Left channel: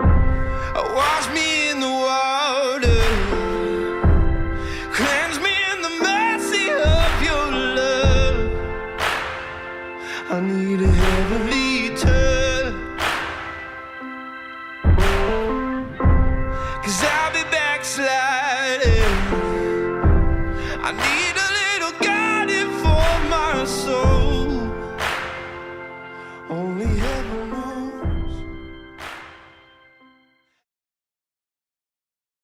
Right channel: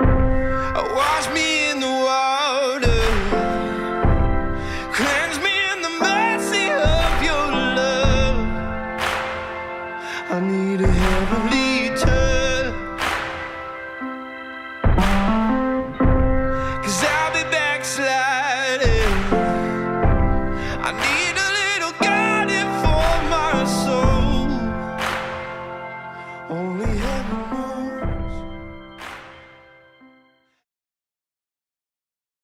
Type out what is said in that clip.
Wash me in the water, cleanse me in the mercy of your love. I need a heavenly touch, 'cause I'll be backsliding. I need